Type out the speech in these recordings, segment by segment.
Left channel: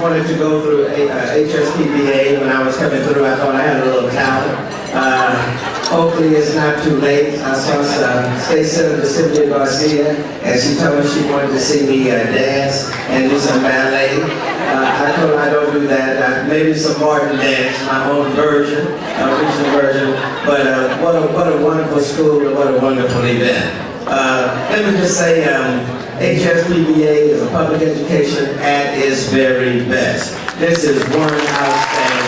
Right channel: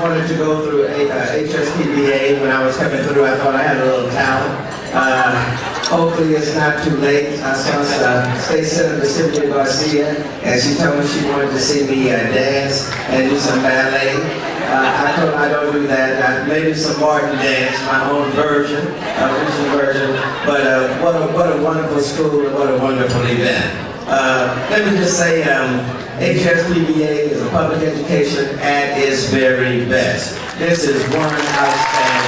wanted to go through HSPVA. When I was coming through, I thought I had a little talent. Hopefully it's not too late. I saw State Senator Sylvia Garcia, and she told me she wanted to see me dance and do some ballet. I told her I don't do that. Maybe some Martin dance, my own version, original version. But what a wonderful school and what a wonderful event. Let me just say, HSPVA is a public education at its very best. This is one outstanding.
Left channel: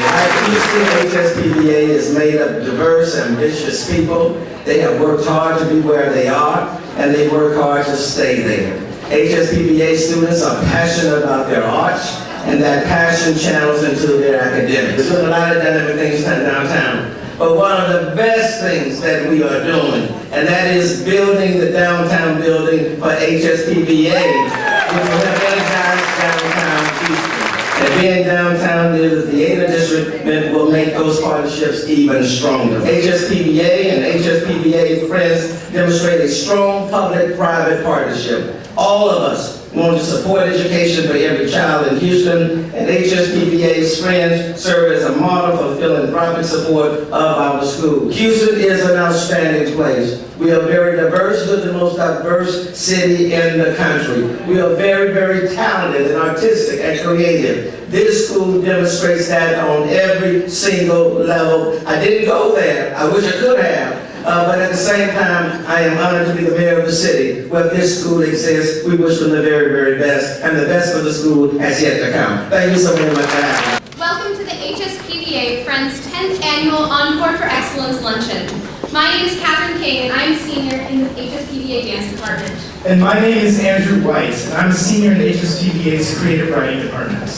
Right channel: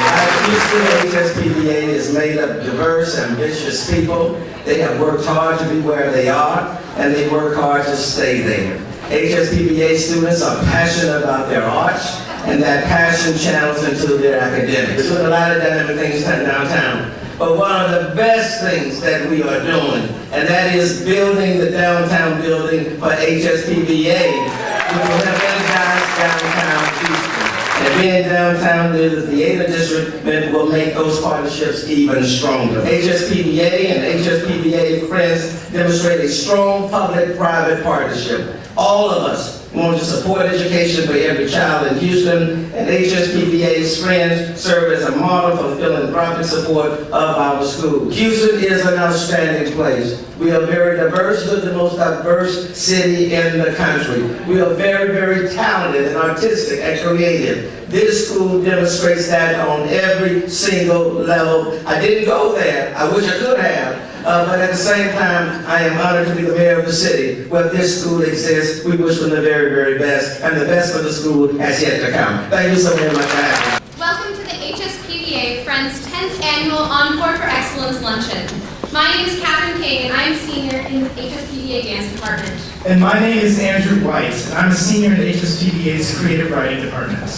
HSPVA is made up of diverse, ambitious people. They have worked hard to be where they are, and they work hard to stay there. HSPVA students are passionate about their arts, and that passion channels into their academics. We're doing a lot of dynamic things downtown. But one of the best things that we are doing, and that is building the downtown building for HSPVA. We will have energized downtown Houston. And being downtown near the theater district will make those partnerships even stronger. HSPVA and HSPVA friends demonstrate a strong public-private partnership. All of us want to support education for every child in Houston, and HSPVA's friends serve as a model for philanthropic support of our school. Houston is an outstanding place. We are very diverse. We're the most diverse city in the country. We are very, very talented and artistic and creative. This school demonstrates that on every single level. I didn't go there. I wish I could have. But at the same time, I am honored to be the mayor of the city where this school exists. We wish them the very, very best, and the best for the school has yet to come. Thank you so very much for having me. Welcome to the HSPVA Friends 10th Annual Encore for Excellence Luncheon. My name is Catherine King, and I'm a senior in the HSPVA Dance Department. And my name is Andrew White, and I'm a senior in the HSPVA's Creative Writing Department.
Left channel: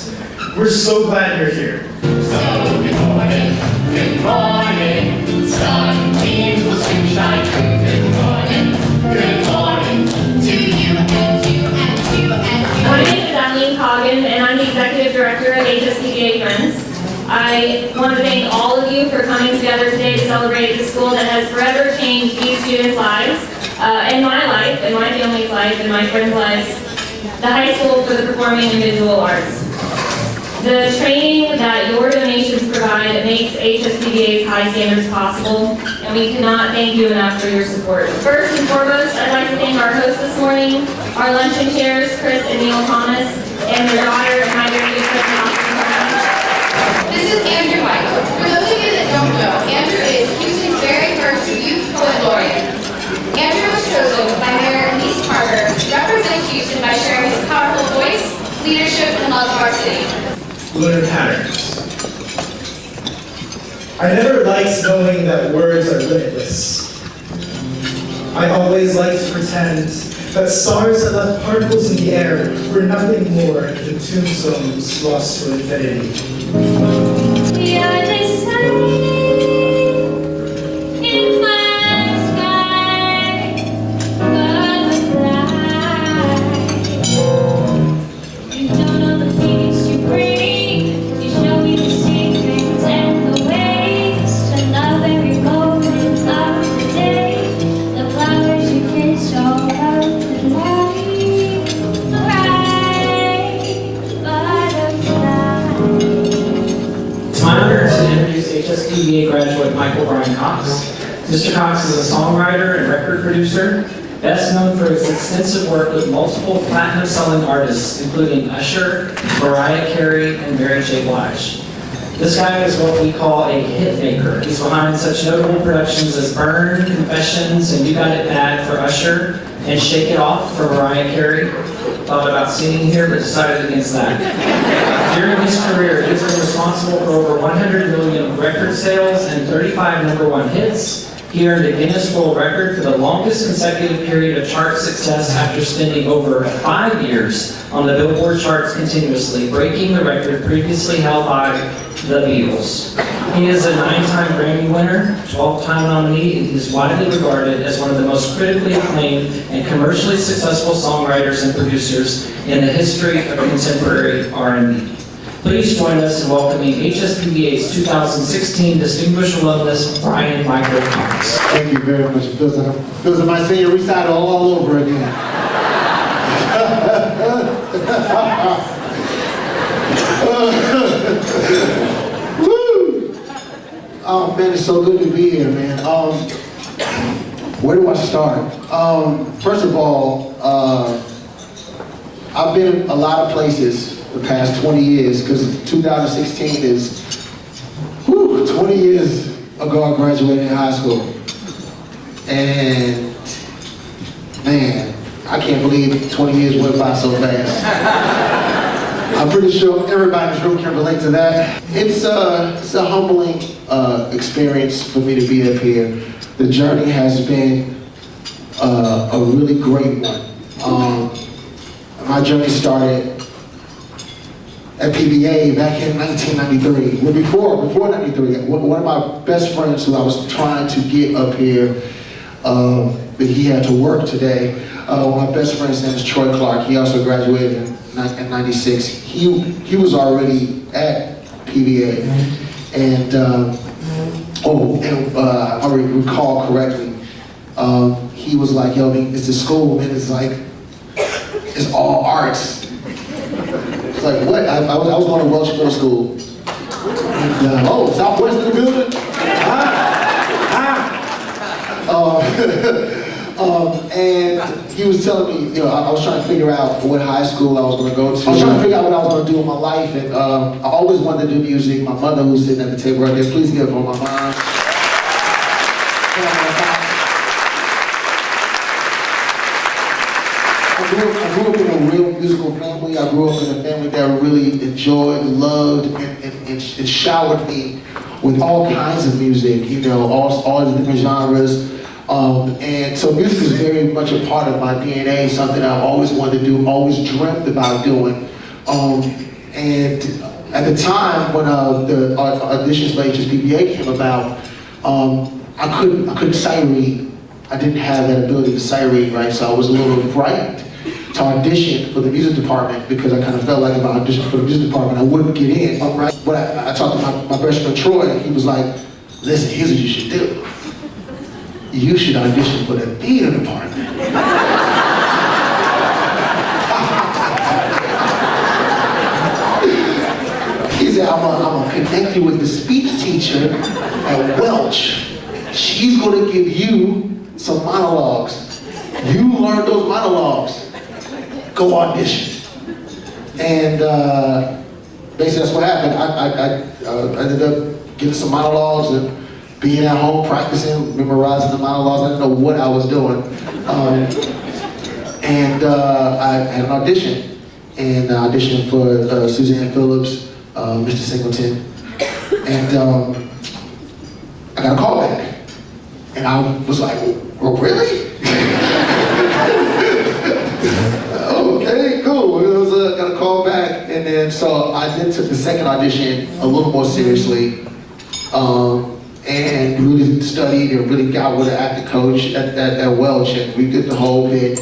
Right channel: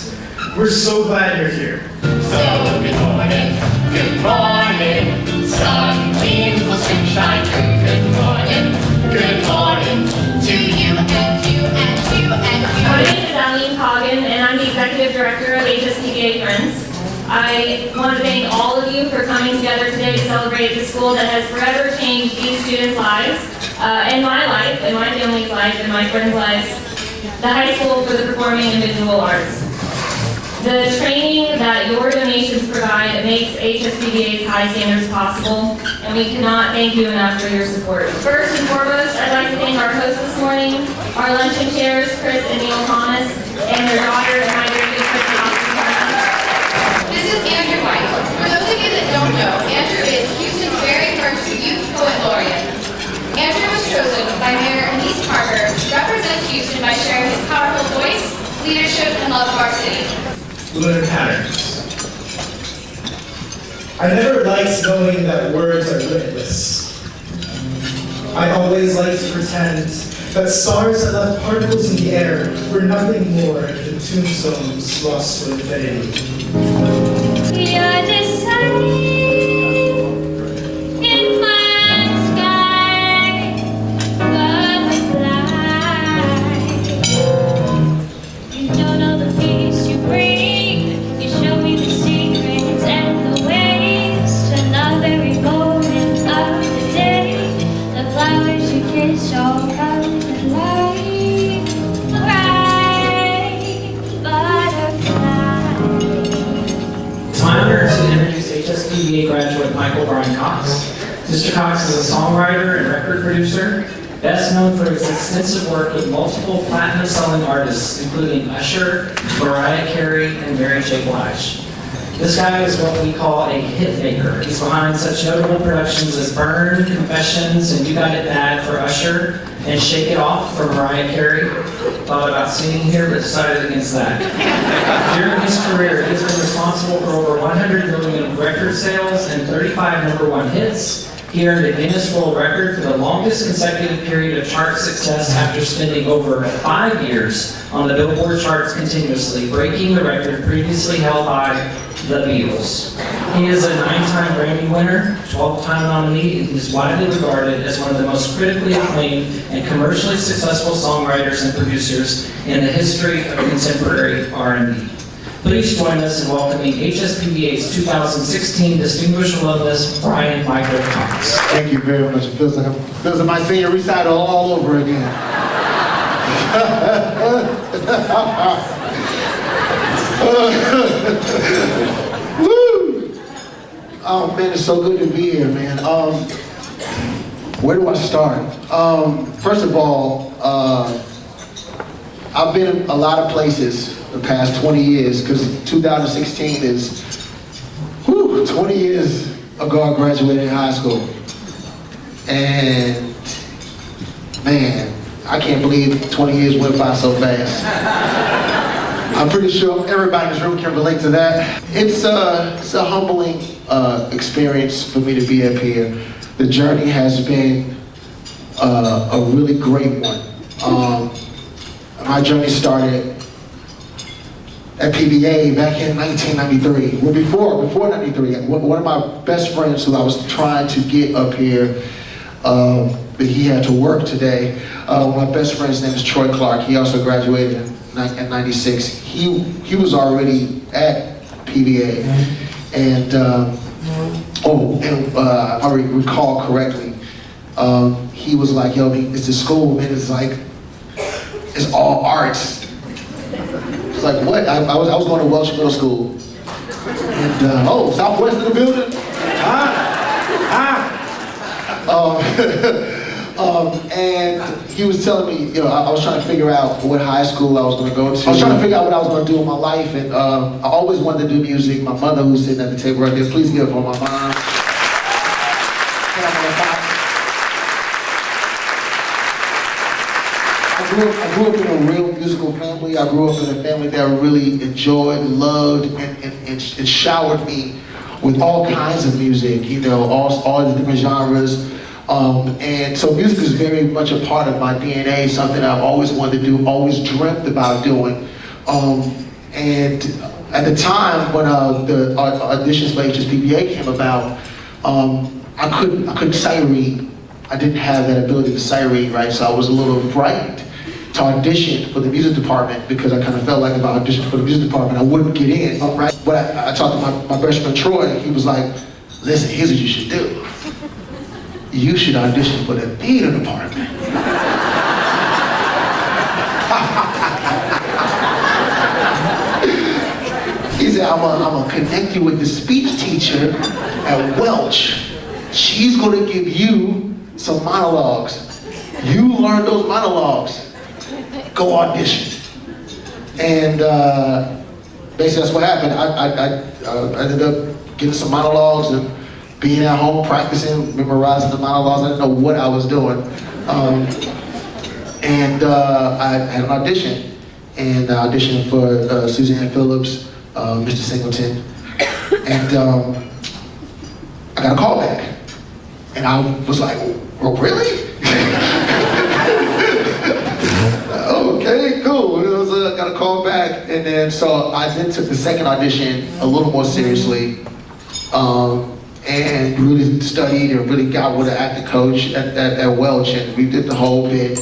We're so glad you're here. So good morning, sunbeams will soon shine. Good morning to you and you and you and you. My name is Adeline Coggin, and I'm the Executive Director of HSPVA Friends. I want to thank all of you for coming together today to celebrate the school that has forever changed these students' lives, and my life, and my family's life, and my friends' lives, the High School for the Performing and Visual Arts. The training that your donations provide makes HSPVA's high standards possible, and we cannot thank you enough for your support. First and foremost, I'd like to thank our hosts this morning, our luncheon chairs, Kris and Neil Thomas, and their daughter, and my very good friend, This is Andrew White. For those of you that don't know, Andrew is Houston's very first youth poet laureate. Andrew was chosen by Mayor Lise Carter to represent Houston by sharing his powerful voice, leadership, and love of our city. Learn patterns. I never liked knowing that words are limitless. I always liked to pretend that stars that left particles in the air were nothing more than tombstones lost to infinity. We are the sun in my sky, butterfly. You don't know the feelings you bring. You show me the secrets and the ways to love every moment of the day. The flowers you kiss all over the light, bright butterfly. It's my honor to introduce HSPVA graduate Michael Bryan Cox. Mr. Cox is a songwriter and record producer, best known for his extensive work with multiple platinum-selling artists, including Usher, Mariah Carey, and Mary J. Blige. This guy is what we call a hit maker. He's behind such notable productions as Burn, Confessions, and You Got It Bad for Usher, and Shake It Off for Mariah Carey. Thought about singing here, but decided against that. During his career, he's been responsible for over 100 million record sales and 35 #1 hits. He earned a Guinness World Record for the longest consecutive period of chart success after spending over 5 years on the Billboard charts continuously, breaking the record previously held by the Beatles. He is a 9-time Grammy winner, 12-time nominee, and he is widely regarded as one of the most critically acclaimed and commercially successful songwriters and producers in the history of contemporary R&B. Please join us in welcoming HSPVA's 2016 Distinguished Alumnus, Bryan-Michael Cox. Thank you very much. It feels like my senior recital all over again. Oh man, it's so good to be here, man. Where do I start? First of all, I've been in a lot of places the past 20 years, because 2016 is 20 years ago I graduated high school. And man, I can't believe 20 years went by so fast. I'm pretty sure everybody in this room can relate to that. It's a humbling experience for me to be up here. The journey has been a really great one. My journey started at PVA back in 1993. Well, before 93, one of my best friends who I was trying to get up here, but he had to work today. One of my best friends' name is Troy Clark. He also graduated in 96. He was already at PVA, and if I recall correctly, he was like, "Yo, it's a school, man. It's like it's all arts." It's like, what? I was going to Welsh Middle School. And, Southwest in the building? And he was telling me, I was trying to figure out what high school I was going to go to. I was trying to figure out what I was going to do with my life, and I always wanted to do music. My mother, who's sitting at the table right there, please give her my mom. I grew up in a real musical family. I grew up in a family that really enjoyed, loved, and showered me with all kinds of music, all the different genres. And so music is very much a part of my DNA, something I've always wanted to do, always dreamt about doing. And at the time when the auditions for HSPVA came about, I couldn't sight read. I didn't have that ability to sight read, right? So I was a little frightened to audition for the music department, because I kind of felt like if I auditioned for the music department, I wouldn't get in, right? But I talked to my best friend Troy, and he was like, "Listen, here's what you should do. You should audition for the theater department." He said, I'm gonna connect you with the speech teacher at Welch. She's gonna give you some monologues. You learn those monologues. Go audition. And basically that's what happened. I ended up getting some monologues and being at home practicing, memorizing the monologues. I didn't know what I was doing. And I had an audition. And I auditioned for Suzanne Phillips, Mr. Singleton. And I got a call back. And I was like, "Oh, really?" Okay, cool. I got a call back. And then so I then took the second audition a little more seriously. And really studied and really got with an acting coach at Welch, and we did the whole bit,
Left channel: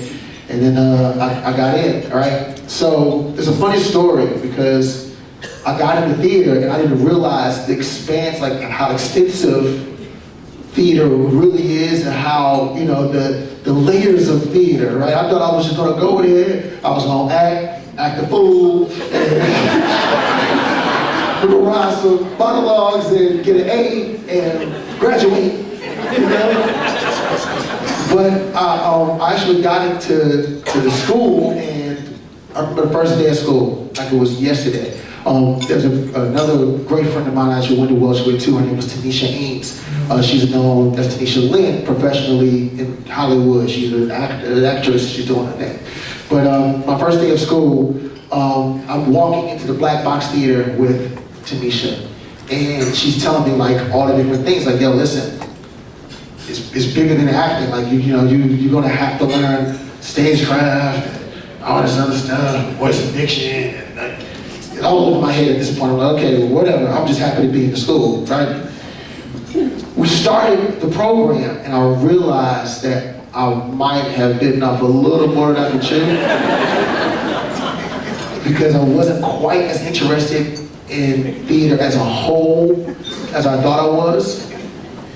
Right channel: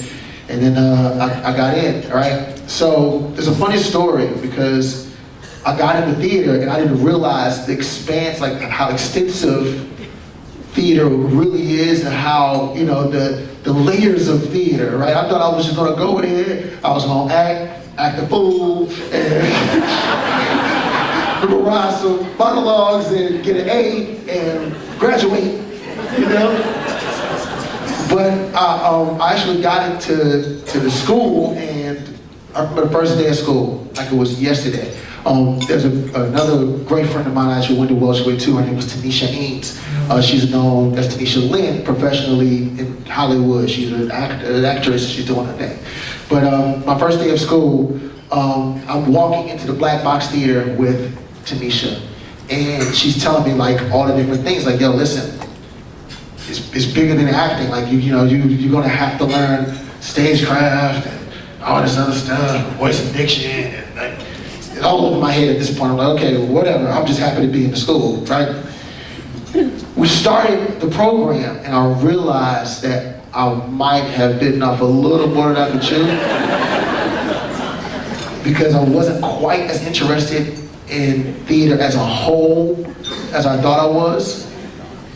and then I got in, right? So there's a funny story, because I got into theater and I didn't realize the expanse, like how extensive theater really is, and how, the layers of theater, right? I thought I was just gonna go there, I was gonna act a fool, and memorize some monologues and get an A and graduate, But I actually got into the school, and I remember the first day of school, like it was yesterday. There's another great friend of mine I actually went to Welsh with too. Her name was Tanisha Ames. She's known as Tanisha Lynn professionally in Hollywood. She's an actress. She's doing her thing. But my first day of school, I'm walking into the Black Box Theater with Tanisha, and she's telling me like all the different things. Like, "Yo, listen, it's bigger than acting. Like you're gonna have to learn stagecraft and all this other stuff, voice and diction, and like, it's all over my head at this point. I'm like, okay, well, whatever. I'm just happy to be in the school, right?" We started the program, and I realized that I might have bitten off a little more than I could chew, because I wasn't quite as interested in theater as a whole as I thought I was.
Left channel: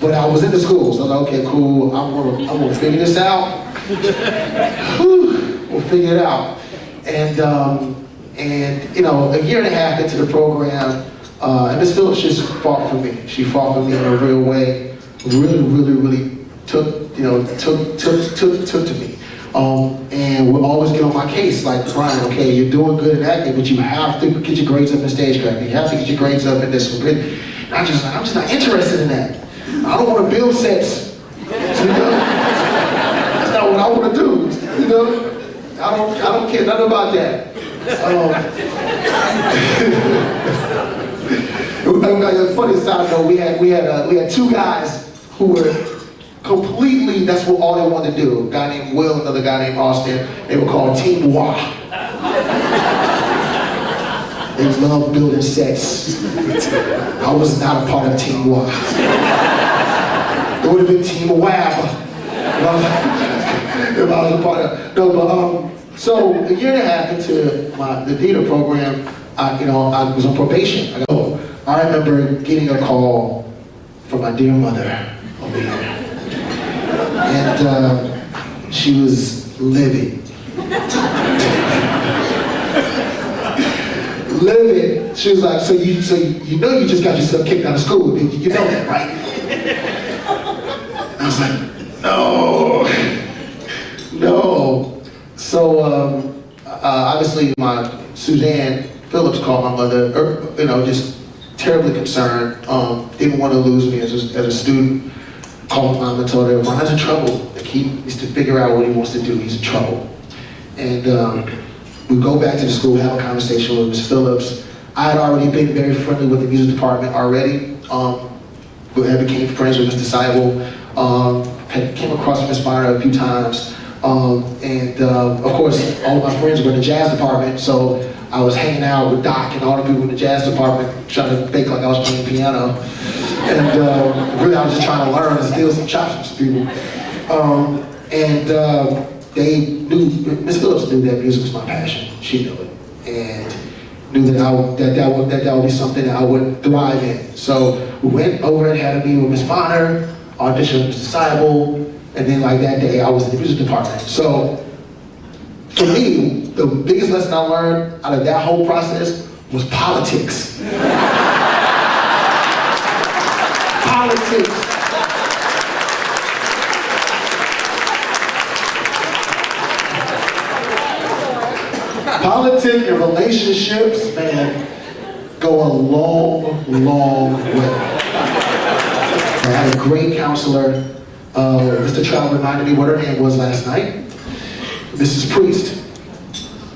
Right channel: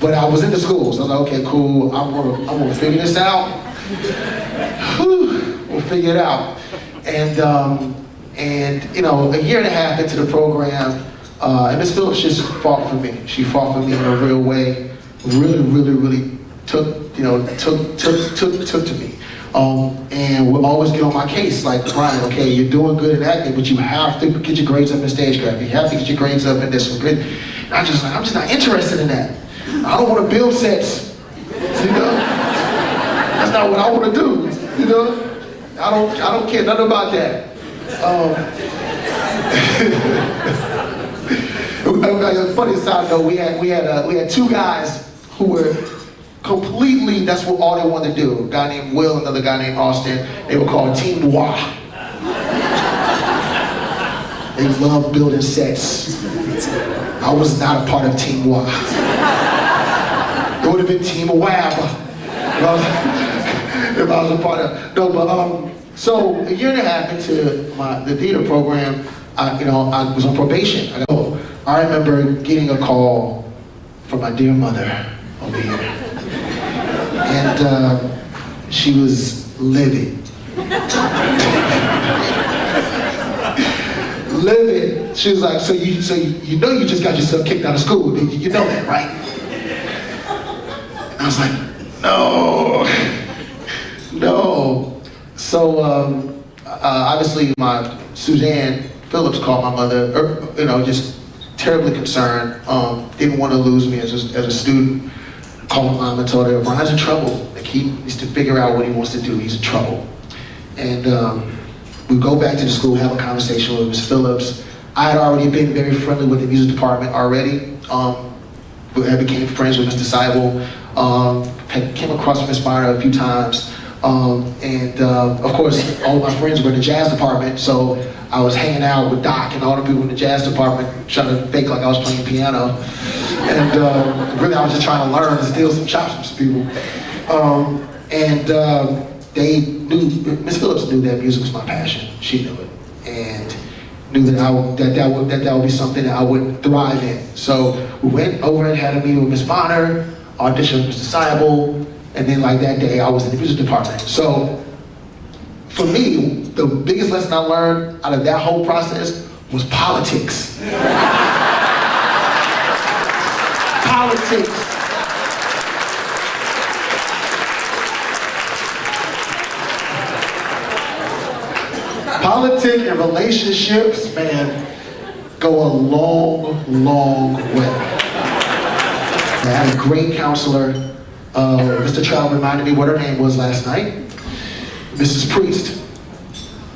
But I was in the school, so I was like, okay, cool, I'm gonna figure this out. We'll figure it out. And a year and a half into the program, And Miss Phillips just fought for me. She fought for me in a real way. Really took to me. And would always get on my case, like, Bryan, okay, you're doing good in acting, but you have to get your grades up in stagecraft. You have to get your grades up in this one. And I'm just not interested in that. I don't want to build sets. You know? That's not what I want to do. You know? I don't care nothing about that. A funny side note, we had two guys who were completely, that's what all they wanted to do. A guy named Will, another guy named Austin. They were called Team Wah. They loved building sets. I was not a part of Team Wah. It would have been Team Wab. If I was a part of, no, but so a year and a half into the theater program, I was on probation. I remember getting a call from my dear mother over here. And she was livid. Livid. She was like, so you know you just got yourself kicked out of school. You know that, right? And I was like, no. So obviously Suzanne Phillips called my mother, just terribly concerned. Didn't want to lose me as a student. Called my mom and told her, Bryan's in trouble. Like, he needs to figure out what he wants to do. He's in trouble. And we go back to the school, have a conversation with Miss Phillips. I had already been very friendly with the music department already. I became friends with Mr. Seibel. Came across Miss Byron a few times. Of course, all of my friends were in the jazz department, so I was hanging out with Doc and all the people in the jazz department, trying to fake like I was playing piano. And really, I was just trying to learn and steal some chops from some people. They knew, Miss Phillips knew that music was my passion. She knew it, and knew that that would be something that I would thrive in. So we went over and had a meeting with Miss Bonner, auditioned with Mr. Seibel, and then like that day, I was in the music department. So for me, the biggest lesson I learned out of that whole process was politics. Politics. Politics and relationships, man, go a long way. I had a great counselor. Mr. Trout reminded me what her name was last night. Mrs. Priest.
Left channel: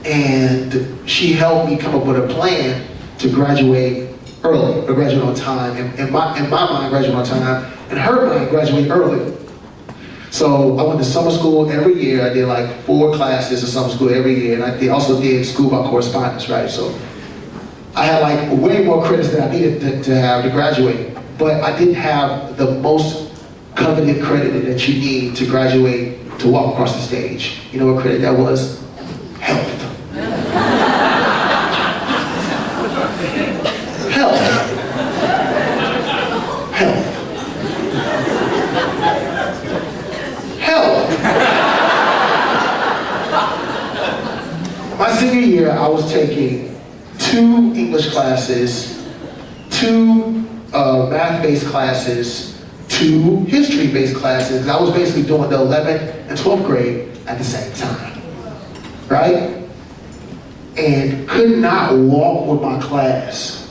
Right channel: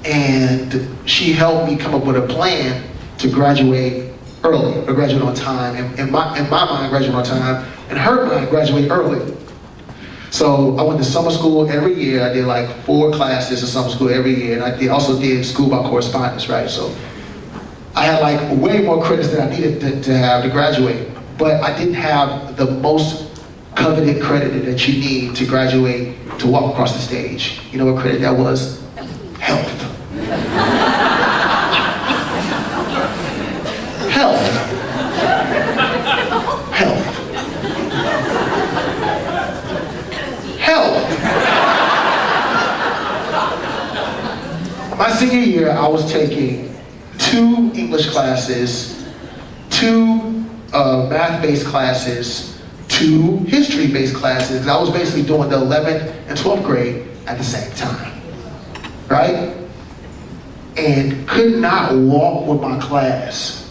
And she helped me come up with a plan to graduate early, or graduate on time. In my mind, graduate on time. In her mind, graduate early. So I went to summer school every year. I did like 4 classes in summer school every year. And I also did school by correspondence, right? So I had like way more credits than I needed to have to graduate. But I didn't have the most coveted credit that you need to graduate, to walk across the stage. You know what credit that was? Health. Health. Health. Health. My senior year, I was taking 2 English classes, 2 math-based classes, 2 history-based classes. I was basically doing the 11th and 12th grade at the same time, right? And could not walk with my class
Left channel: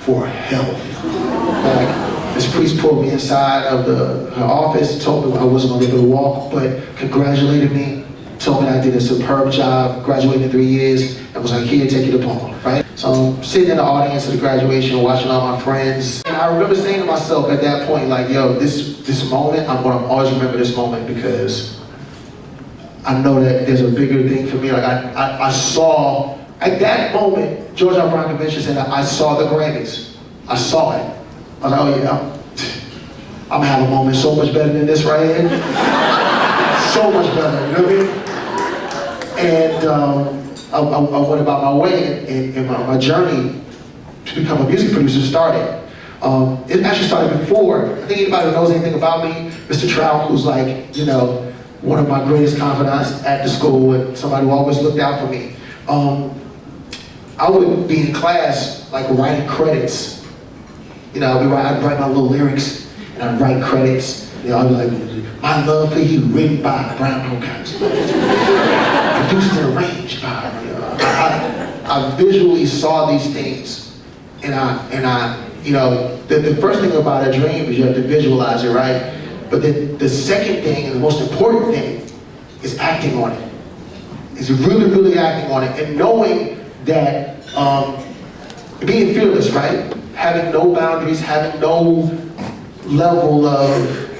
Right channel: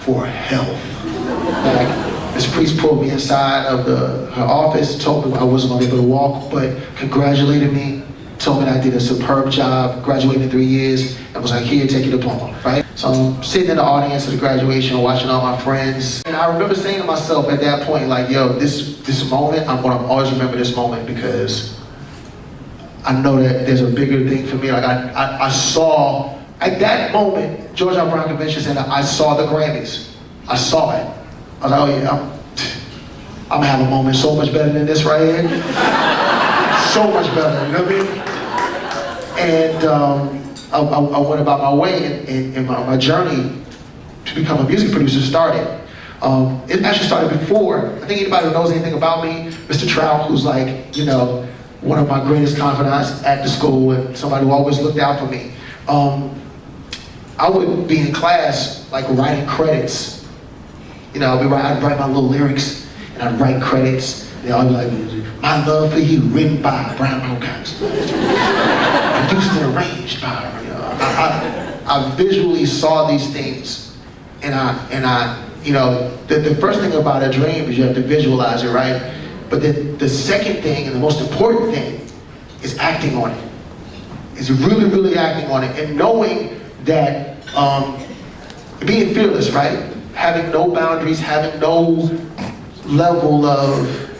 for health. Like, Ms. Priest pulled me inside of her office, told me I wasn't gonna be able to walk, but congratulated me, told me I did a superb job, graduated in 3 years, and was like, here, take your diploma, right? So I'm sitting in the audience at the graduation, watching all my friends. And I remember saying to myself at that point, like, yo, this moment, I'm gonna always remember this moment, because I know that there's a bigger thing for me. Like, I saw, at that moment, George R. Brown Convention Center, I saw the Grammys. I saw it. I was like, oh yeah, I'm gonna have a moment so much better than this right here. So much better, you know what I mean? And I went about my way, and my journey to become a music producer started. It actually started before. I think anybody who knows anything about me, Mr. Trout, who's like, one of my greatest confidants at the school, and somebody who always looked out for me. I would be in class, like writing credits I'd write my little lyrics, and I'd write credits. I'd be like, "My love for you, written by Bryan-Michael, produced and arranged by." I visually saw these things, and the first thing about a dream is you have to visualize it, right? But then the second thing and the most important thing is acting on it. Is really, really acting on it and knowing that being fearless, right? Having no boundaries, having no level of,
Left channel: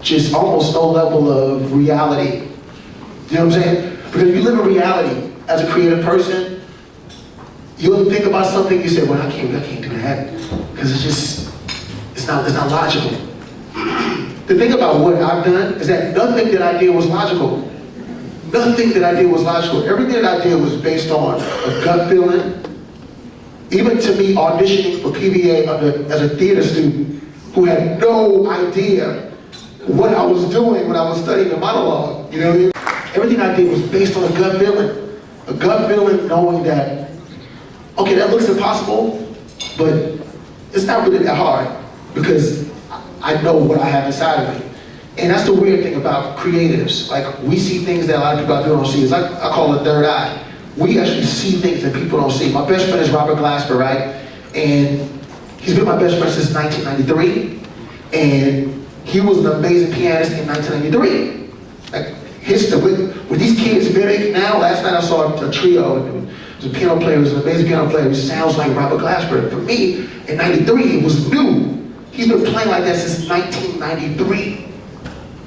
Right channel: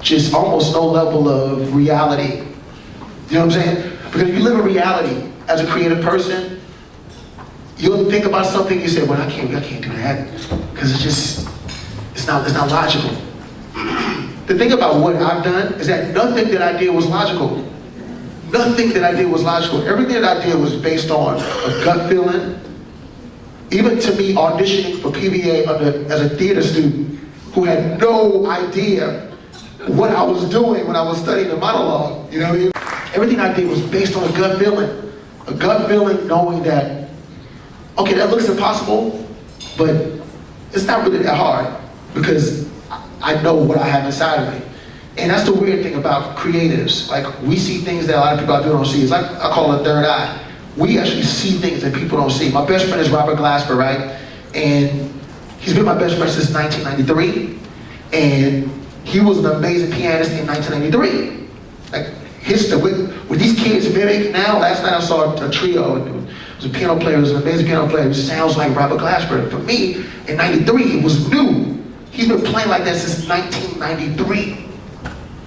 just almost no level of reality. You know what I'm saying? Because if you live in reality as a creative person, you'll think about something, you say, well, I can't do that, because it's not logical. The thing about what I've done is that nothing that I did was logical. Nothing that I did was logical. Everything that I did was based on a gut feeling. Even to me auditioning for PVA as a theater student who had no idea what I was doing when I was studying the monologue. You know what I mean? Everything I did was based on a gut feeling. A gut feeling knowing that, okay, that looks impossible, but it's not really that hard because I know what I have inside of me. And that's the weird thing about creatives. Like, we see things that a lot of people out there don't see. It's like, I call it third eye. We actually see things that people don't see. My best friend is Robert Glasper, right? And he's been my best friend since 1993. And he was an amazing pianist in 1993. Like, with these kids mimic now, last night I saw a trio. It was a piano player, it was an amazing piano player. He sounds like Robert Glasper. For me, in 93, it was new. He's been playing like that since 1993.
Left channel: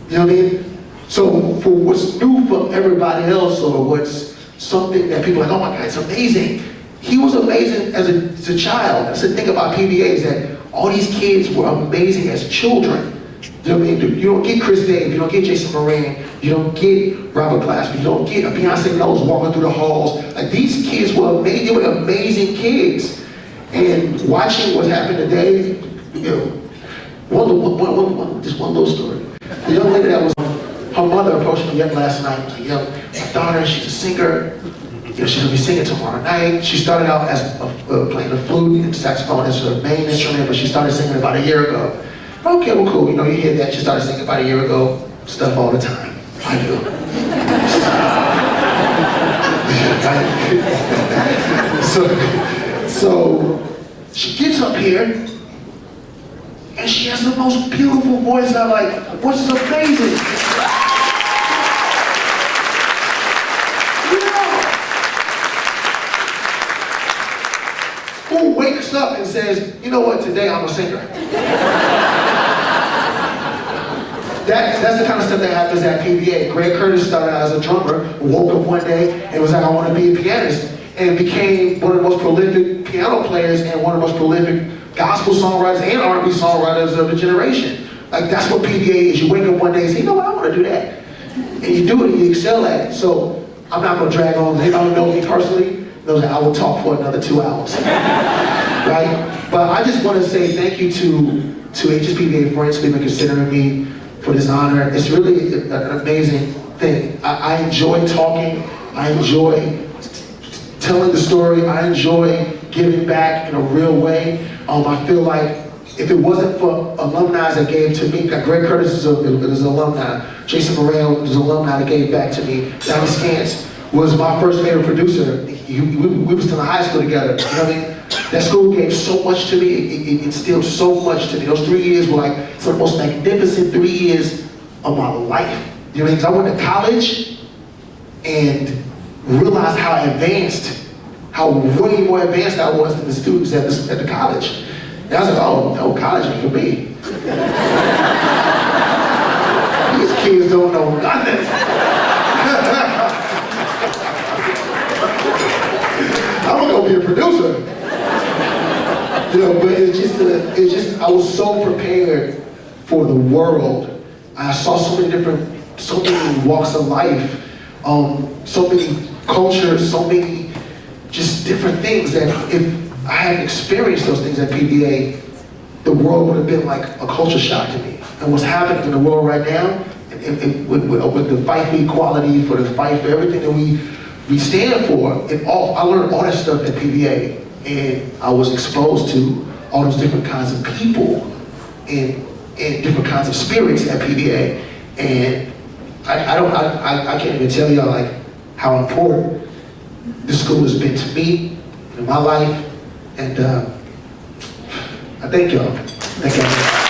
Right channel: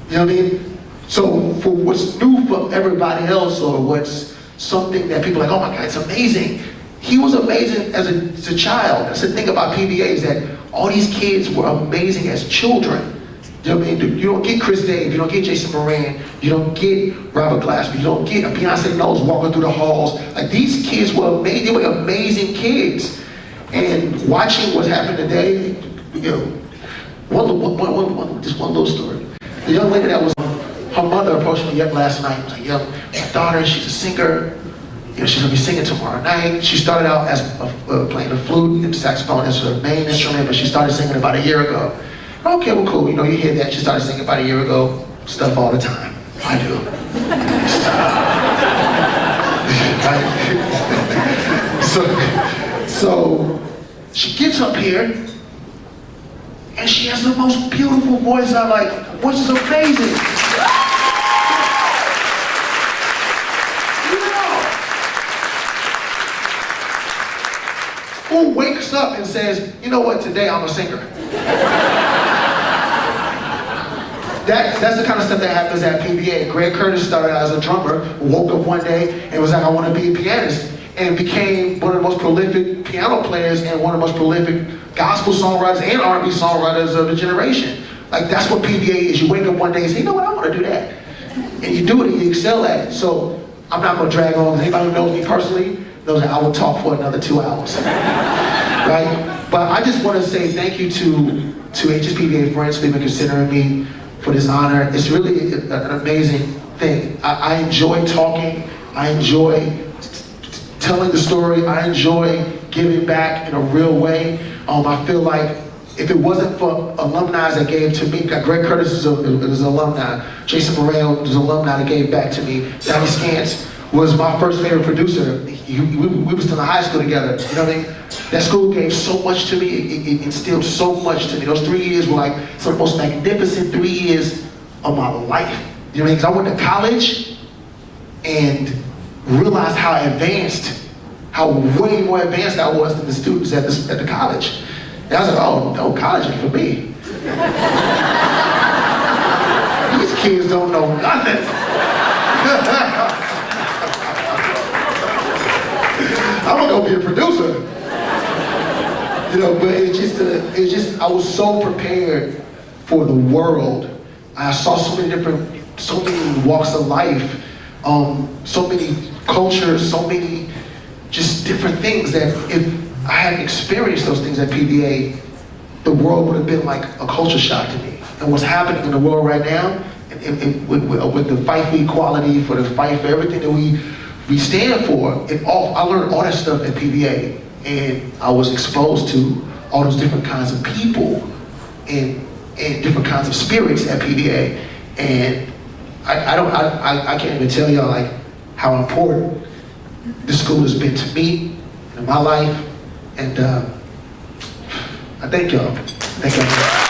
You know what I mean? So for what's new for everybody else, or what's something that people are like, oh my God, it's amazing. He was amazing as a child. That's the thing about PVA, is that all these kids were amazing as children. You know what I mean? You don't get Kris Dave, you don't get Jason Moran, you don't get Robert Glasper, you don't get Beyonce Knowles walking through the halls. Like, these kids were amazing, they were amazing kids. And watching what happened today, just one little story. The young lady that was, her mother approached me last night. Was like, my daughter, she's a singer. She's gonna be singing tomorrow night. She started out as playing the flute and saxophone as her main instrument, but she started singing about a year ago. Okay, well, cool. You hear that. She started singing about a year ago. Stuff all the time. I do. So she gets up here, and she has the most beautiful voice. I'm like, which is amazing. Who wakes up and says, you know what, today I'm a singer? That's the kind of stuff that happens at PVA. Greg Curtis started out as a drummer, woke up one day and was like, I want to be a pianist, and became one of the most prolific piano players and one of the most prolific gospel songwriters and R&B songwriters of the generation. Like, that's what PVA is. You wake up one day and say, you know what, I want to do that. And you do it and you excel at it. So I'm not going to drag on. Anybody who knows me personally knows that I will talk for another 2 hours. Right? But I just want to say thank you to HSPVA friends for even considering me for this honor. It's really an amazing thing. I enjoy talking. I enjoy telling the story. I enjoy giving back in a real way. I feel like if it wasn't for alumni that gave to me, Greg Curtis is an alumni, Jason Moran is an alumni that gave back to me, Donnie Scantz was my first favorite producer. We were still in high school together, you know what I mean? That school gave so much to me, it instilled so much to me. Those 3 years were like some of the most magnificent 3 years of my life. You know what I mean? Because I went to college and realized how way more advanced I was than the students at the college. And I was like, oh, no, college is for me. These kids don't know nothing. I'm gonna go be a producer. But it's just, I was so prepared for the world. I saw so many walks of life, so many cultures, so many just different things that if I hadn't experienced those things at PVA, the world would have been like a culture shock to me. And what's happening in the world right now, with the fight for equality, for the fight for everything that we stand for, I learned all that stuff at PVA, and I was exposed to all those different kinds of people and different kinds of spirits at PVA. And I can't even tell y'all like how important this school has been to me in my life. And I thank y'all. Thank y'all.